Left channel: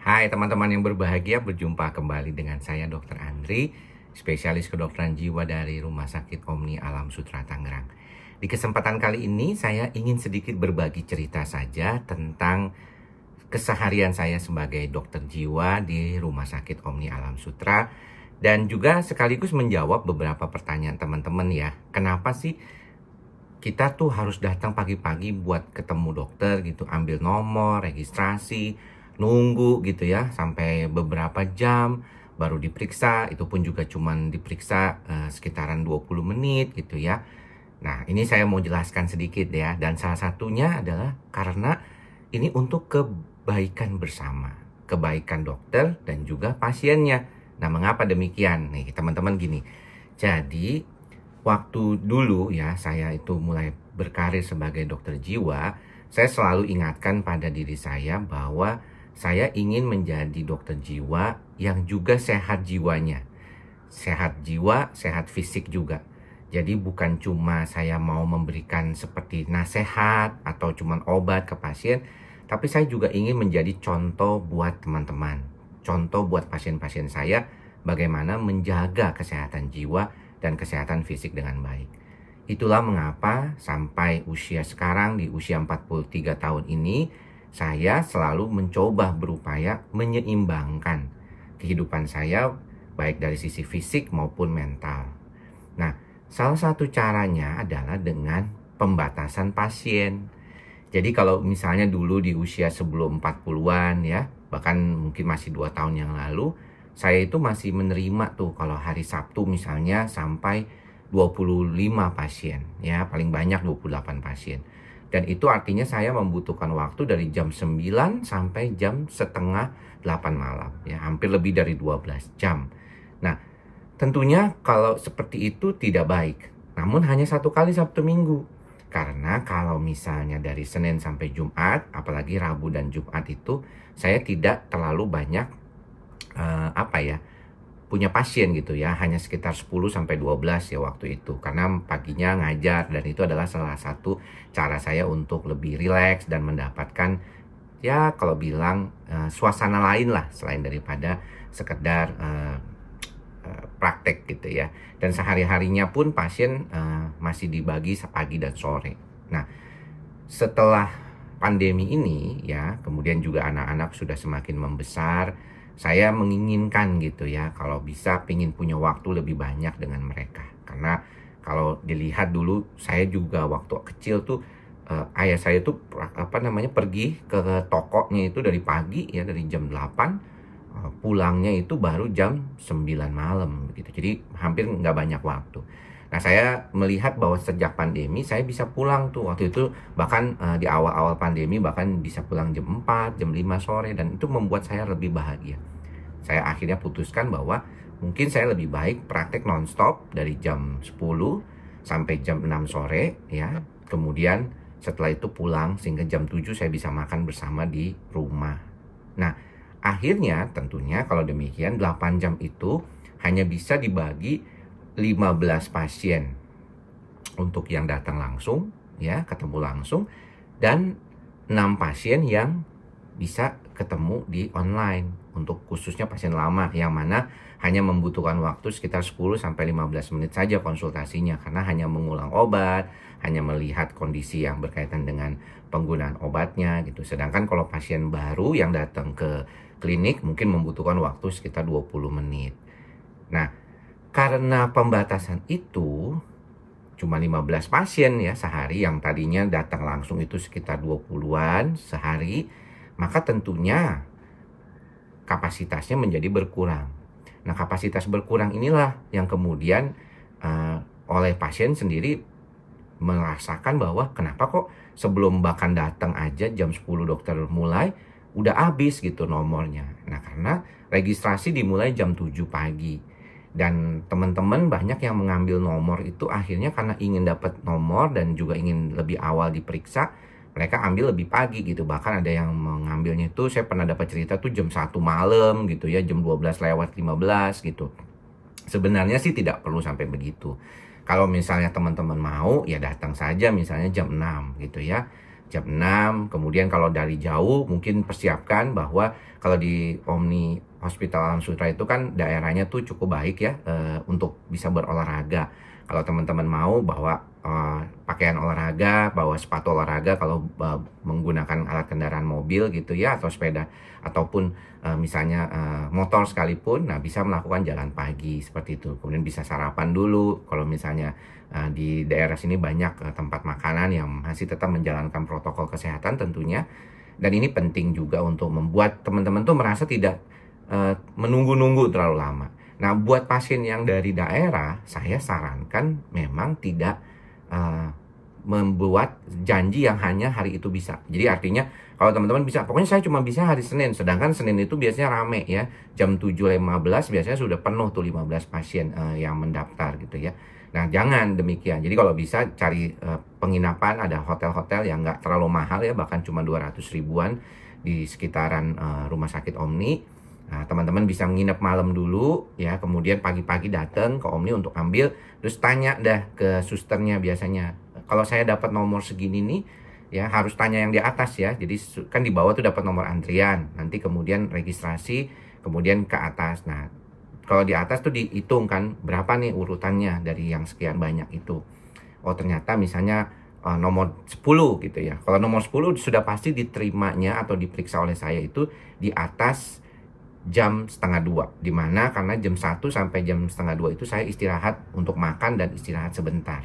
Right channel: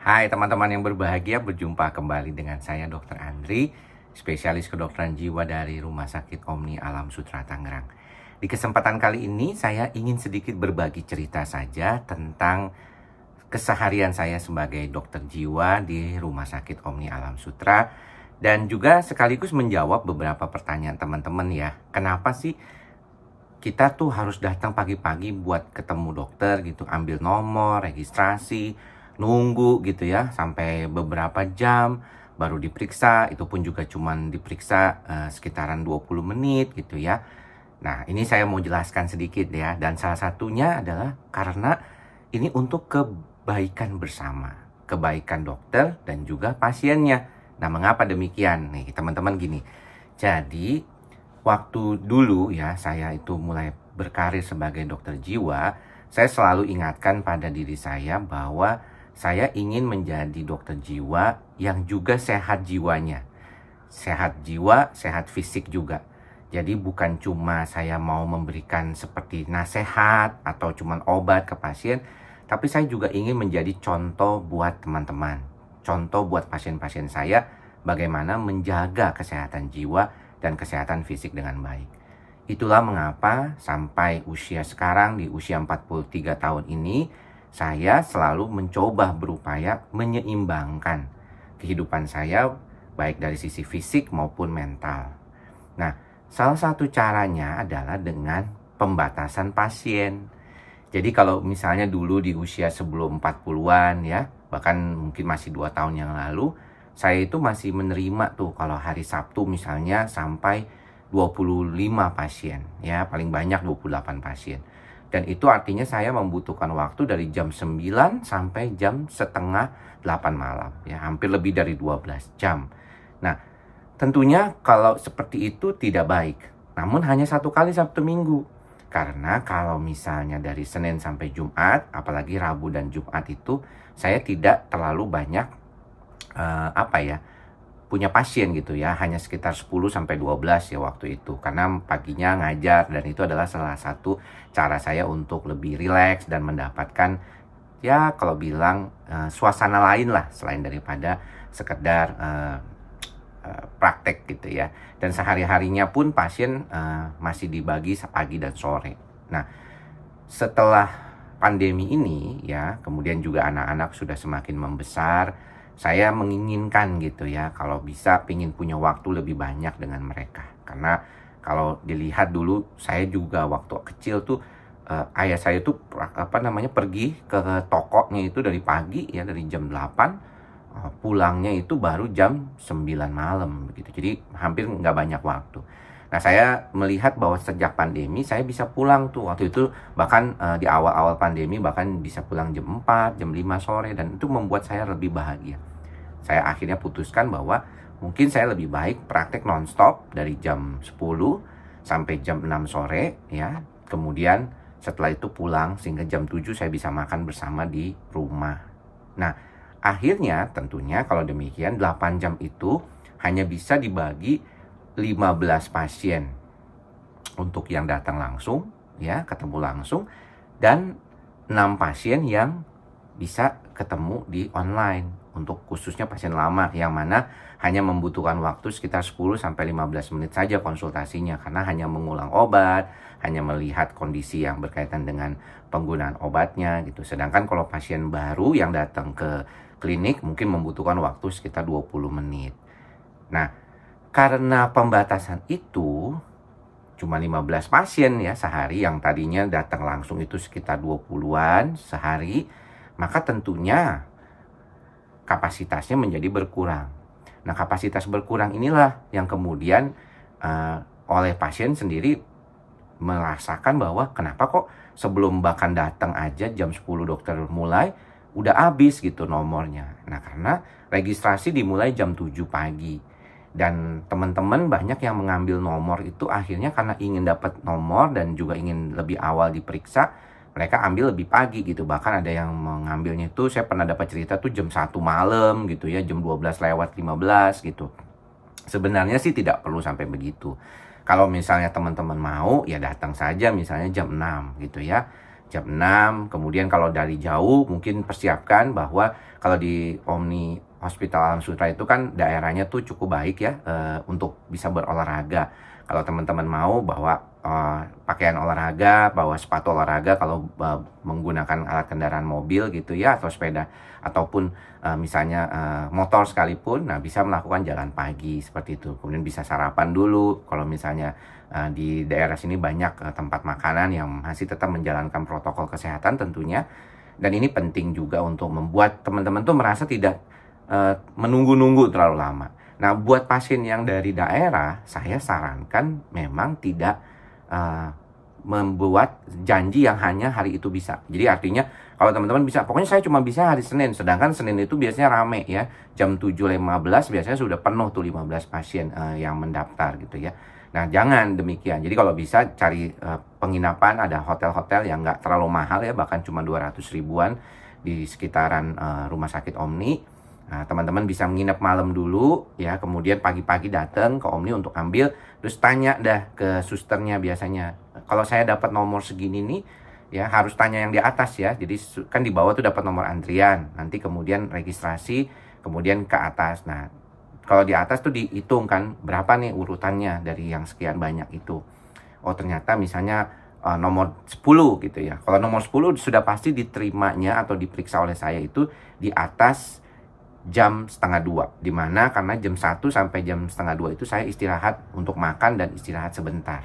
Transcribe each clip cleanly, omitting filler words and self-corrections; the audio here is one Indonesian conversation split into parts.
Hai teman-teman yang berbahagia, berjumpa kembali dengan saya Dr. Andri, spesialis kedokteran jiwa dari Rumah Sakit Omni Alam Sutera Tangerang. Di kesempatan kali ini saya ingin sedikit berbagi cerita saja tentang keseharian saya sebagai dokter jiwa di Rumah Sakit Omni Alam Sutera, dan juga sekaligus menjawab beberapa pertanyaan teman-teman ya. Kenapa sih kita tuh harus datang pagi-pagi buat ketemu dokter gitu, ambil nomor, registrasi, nunggu gitu ya sampai beberapa jam baru diperiksa, itu pun juga cuman diperiksa sekitaran 20 menit gitu ya. Nah, ini saya mau jelaskan sedikit ya, dan salah satunya adalah karena ini untuk kebaikan bersama, kebaikan dokter dan juga pasiennya. Nah, mengapa demikian? Nih, teman-teman gini. Jadi, waktu dulu ya saya itu mulai berkarir sebagai dokter jiwa, saya selalu ingatkan pada diri saya bahwa saya ingin menjadi dokter jiwa yang juga sehat jiwanya. Sehat jiwa, sehat fisik juga. Jadi bukan cuma saya mau memberikan seperti nasihat atau cuma obat ke pasien, tapi saya juga ingin menjadi contoh buat teman-teman. Contoh buat pasien-pasien saya bagaimana menjaga kesehatan jiwa dan kesehatan fisik dengan baik. Itulah mengapa sampai usia sekarang, di usia 43 tahun ini, saya selalu mencoba berupaya menyeimbangkan kehidupan saya baik dari sisi fisik maupun mental. Nah, salah satu caranya adalah dengan pembatasan pasien. Jadi kalau misalnya dulu di usia sebelum 40-an ya, bahkan mungkin masih 2 tahun yang lalu, saya itu masih menerima tuh kalau hari Sabtu misalnya sampai 25 pasien ya, paling banyak 28 pasien. Dan itu artinya saya membutuhkan waktu dari jam 9 sampai jam setengah 8 malam ya, hampir lebih dari 12 jam. Nah, tentunya kalau seperti itu tidak baik. Namun hanya satu kali Sabtu Minggu. Karena kalau misalnya dari Senin sampai Jumat, apalagi Rabu dan Jumat itu saya tidak terlalu banyak punya pasien gitu ya, hanya sekitar 10 sampai 12 ya waktu itu, karena paginya ngajar, dan itu adalah salah satu cara saya untuk lebih rileks dan mendapatkan ya kalau bilang suasana lain lah selain daripada sekedar praktek gitu ya. Dan sehari-harinya pun pasien masih dibagi pagi dan sore. Nah, setelah pandemi ini ya, kemudian juga anak-anak sudah semakin membesar, saya menginginkan gitu ya, kalau bisa pingin punya waktu lebih banyak dengan mereka. Karena kalau dilihat dulu saya juga waktu kecil tuh ayah saya tuh pergi ke tokonya itu dari pagi ya, dari jam 8, pulangnya itu baru jam 9 malam gitu. Jadi hampir nggak banyak waktu. Nah, saya melihat bahwa sejak pandemi saya bisa pulang tuh waktu itu, bahkan di awal-awal pandemi bahkan bisa pulang jam 4, jam 5 sore, dan itu membuat saya lebih bahagia. Saya akhirnya putuskan bahwa mungkin saya lebih baik praktek nonstop dari jam 10 sampai jam 6 sore ya. Kemudian setelah itu pulang sehingga jam 7 saya bisa makan bersama di rumah. Nah, akhirnya tentunya kalau demikian 8 jam itu hanya bisa dibagi 15 pasien untuk yang datang langsung ya, ketemu langsung, dan 6 pasien yang bisa ketemu di online untuk khususnya pasien lama, yang mana hanya membutuhkan waktu sekitar 10 sampai 15 menit saja konsultasinya, karena hanya mengulang obat, hanya melihat kondisi yang berkaitan dengan penggunaan obatnya gitu. Sedangkan kalau pasien baru yang datang ke klinik mungkin membutuhkan waktu sekitar 20 menit. Nah, karena pembatasan itu cuma 15 pasien ya sehari, yang tadinya datang langsung itu sekitar 20-an sehari, maka tentunya kapasitasnya menjadi berkurang. Nah, kapasitas berkurang inilah yang kemudian oleh pasien sendiri merasakan bahwa kenapa kok sebelum bahkan datang aja jam 10 dokter mulai udah habis gitu nomornya. Nah, karena registrasi dimulai jam 7 pagi. Dan teman-teman banyak yang mengambil nomor itu akhirnya karena ingin dapat nomor dan juga ingin lebih awal diperiksa, mereka ambil lebih pagi gitu. Bahkan ada yang mengambilnya itu, saya pernah dapat cerita tuh jam 1 malam gitu ya, jam 12:15 gitu. Sebenarnya sih tidak perlu sampai begitu. Kalau misalnya teman-teman mau ya datang saja misalnya jam 6 gitu ya. jam 6. Kemudian kalau dari jauh mungkin persiapkan bahwa kalau di Omni Hospital Alam Sutera itu kan daerahnya tuh cukup baik ya untuk bisa berolahraga. Kalau teman-teman mau bawa pakaian olahraga, bawa sepatu olahraga kalau menggunakan alat kendaraan mobil gitu ya, atau sepeda, ataupun misalnya motor sekalipun, nah bisa melakukan jalan pagi seperti itu. Kemudian bisa sarapan dulu kalau misalnya di daerah sini banyak tempat makanan yang masih tetap menjalankan protokol kesehatan tentunya. Dan ini penting juga untuk membuat teman-teman tuh merasa tidak menunggu-nunggu terlalu lama. Nah, buat pasien yang dari daerah, saya sarankan memang tidak membuat janji yang hanya hari itu bisa. Jadi artinya kalau teman-teman bisa, pokoknya saya cuma bisa hari Senin, sedangkan Senin itu biasanya rame ya, jam 7.15 biasanya sudah penuh tuh 15 pasien yang mendaftar gitu ya. Nah, jangan demikian. Jadi kalau bisa cari penginapan, ada hotel-hotel yang nggak terlalu mahal ya, bahkan cuma 200 ribuan di sekitaran Rumah Sakit Omni. Nah, teman-teman bisa menginap malam dulu ya, kemudian pagi-pagi datang ke Omni untuk ambil, terus tanya dah ke susternya biasanya. Kalau saya dapat nomor segini nih, ya harus tanya yang di atas ya. Jadi kan di bawah tuh dapat nomor antrian, nanti kemudian registrasi, kemudian ke atas. Nah, kalau di atas tuh dihitung kan berapa nih urutannya dari yang sekian banyak itu. Oh ternyata misalnya nomor 10 gitu ya. Kalau nomor 10 sudah pasti diterimanya atau diperiksa oleh saya itu di atas jam 1:30, dimana karena jam 1 sampai jam 1:30 itu saya istirahat untuk makan dan istirahat sebentar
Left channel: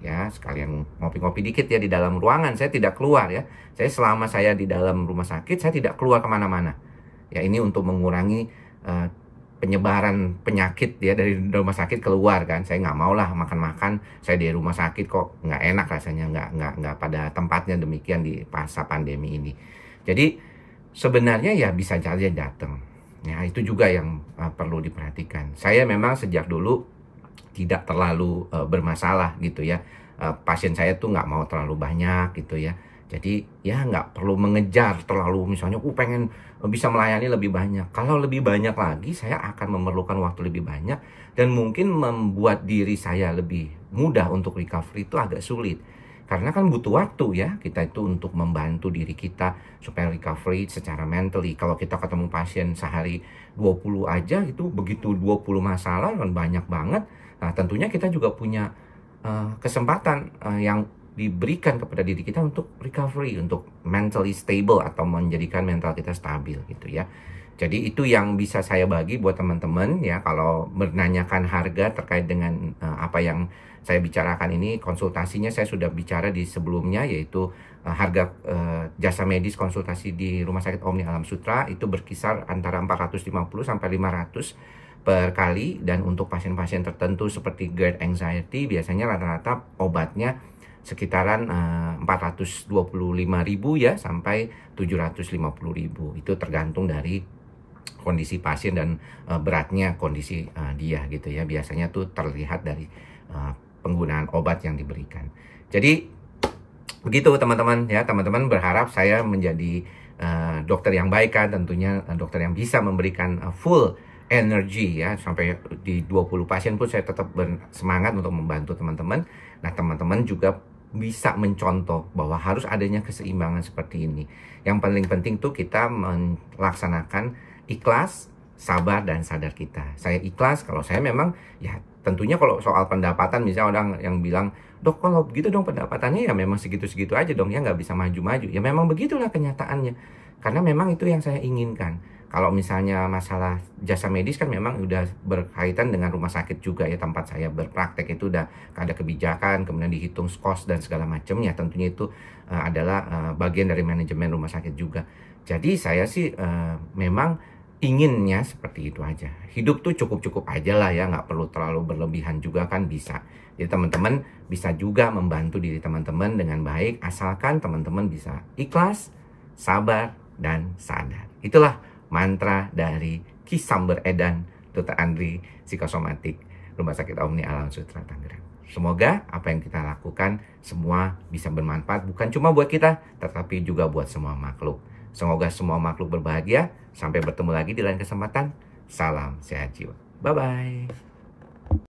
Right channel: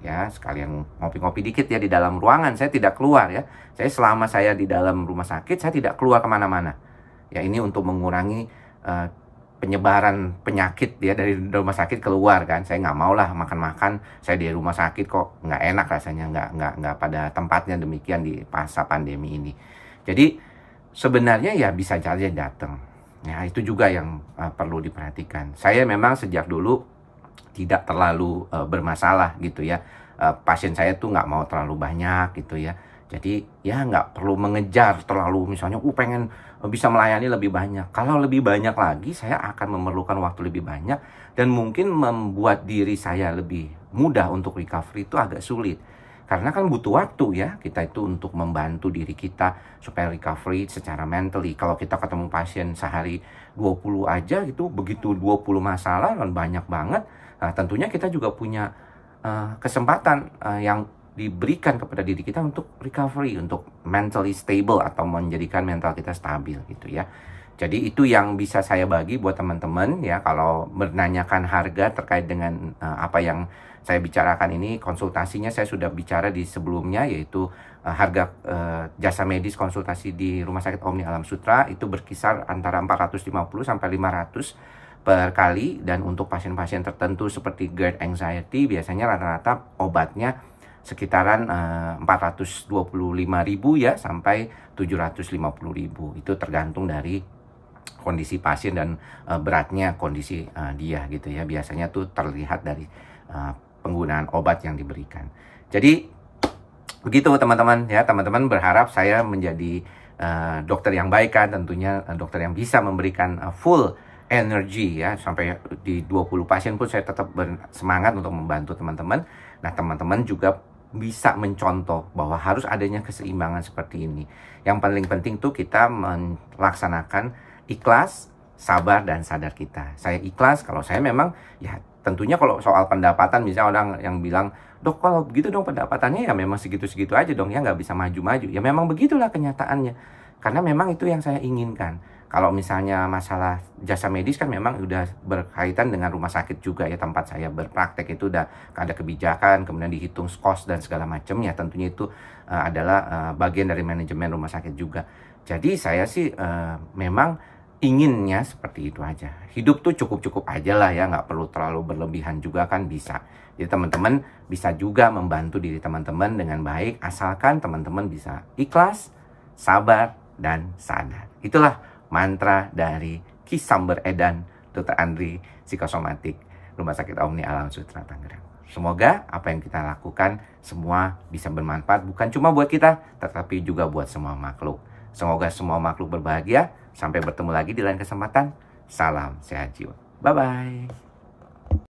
ya, sekalian ngopi-ngopi dikit ya di dalam ruangan. Saya tidak keluar ya, saya selama saya di dalam rumah sakit saya tidak keluar kemana-mana ya. Ini untuk mengurangi penyebaran penyakit ya dari rumah sakit keluar kan. Saya nggak mau lah makan-makan saya di rumah sakit kok nggak enak rasanya, nggak pada tempatnya demikian di masa pandemi ini. Jadi sebenarnya ya bisa saja datang. Ya, itu juga yang perlu diperhatikan. Saya memang sejak dulu tidak terlalu bermasalah gitu ya. Pasien saya tuh nggak mau terlalu banyak gitu ya. Jadi ya nggak perlu mengejar terlalu, misalnya pengen bisa melayani lebih banyak. Kalau lebih banyak lagi saya akan memerlukan waktu lebih banyak dan mungkin membuat diri saya lebih mudah untuk recovery itu agak sulit. Karena kan butuh waktu ya kita itu untuk membantu diri kita supaya recovery secara mentally. Kalau kita ketemu pasien sehari 20 aja gitu, begitu 20 masalah dan banyak banget. Nah, tentunya kita juga punya kesempatan yang diberikan kepada diri kita untuk recovery, untuk mentally stable atau menjadikan mental kita stabil gitu ya. Jadi itu yang bisa saya bagi buat teman-teman ya, kalau menanyakan harga terkait dengan apa yang saya bicarakan ini. Konsultasinya saya sudah bicara di sebelumnya, yaitu harga jasa medis konsultasi di Rumah Sakit Omni Alam Sutera itu berkisar antara 450 sampai 500 per kali, dan untuk pasien-pasien tertentu seperti GERD anxiety biasanya rata-rata obatnya sekitaran 425.000 ya sampai 750.000. Itu tergantung dari kondisi pasien dan beratnya kondisi dia gitu ya. Biasanya tuh terlihat dari penggunaan obat yang diberikan. Jadi begitu teman-teman ya. Teman-teman berharap saya menjadi dokter yang baik kan, tentunya dokter yang bisa memberikan full energy ya, sampai di 20 pasien pun saya tetap bersemangat untuk membantu teman-teman. Nah, teman-teman juga bisa mencontoh bahwa harus adanya keseimbangan seperti ini. Yang paling penting tuh kita melaksanakan ikhlas, sabar, dan sadar kita. Saya ikhlas kalau saya memang ya tentunya kalau soal pendapatan, misalnya orang yang bilang, dok kalau begitu dong pendapatannya ya memang segitu-segitu aja dong ya, nggak bisa maju-maju. Ya memang begitulah kenyataannya. Karena memang itu yang saya inginkan. Kalau misalnya masalah jasa medis kan memang udah berkaitan dengan rumah sakit juga ya, tempat saya berpraktek itu udah ada kebijakan, kemudian dihitung cost dan segala macamnya. Tentunya itu adalah bagian dari manajemen rumah sakit juga. Jadi saya sih memang inginnya seperti itu aja. Hidup tuh cukup-cukup aja lah ya, nggak perlu terlalu berlebihan juga kan bisa. Jadi teman-teman bisa juga membantu diri teman-teman dengan baik, asalkan teman-teman bisa ikhlas, sabar, dan sadar. Itulah mantra dari Ki Samber Edan, Dr. Andri, psikosomatik, Rumah Sakit Omni Alam Sutera Tangerang. Semoga apa yang kita lakukan semua bisa bermanfaat, bukan cuma buat kita, tetapi juga buat semua makhluk. Semoga semua makhluk berbahagia. Sampai bertemu lagi di lain kesempatan. Salam sehat jiwa. Bye-bye.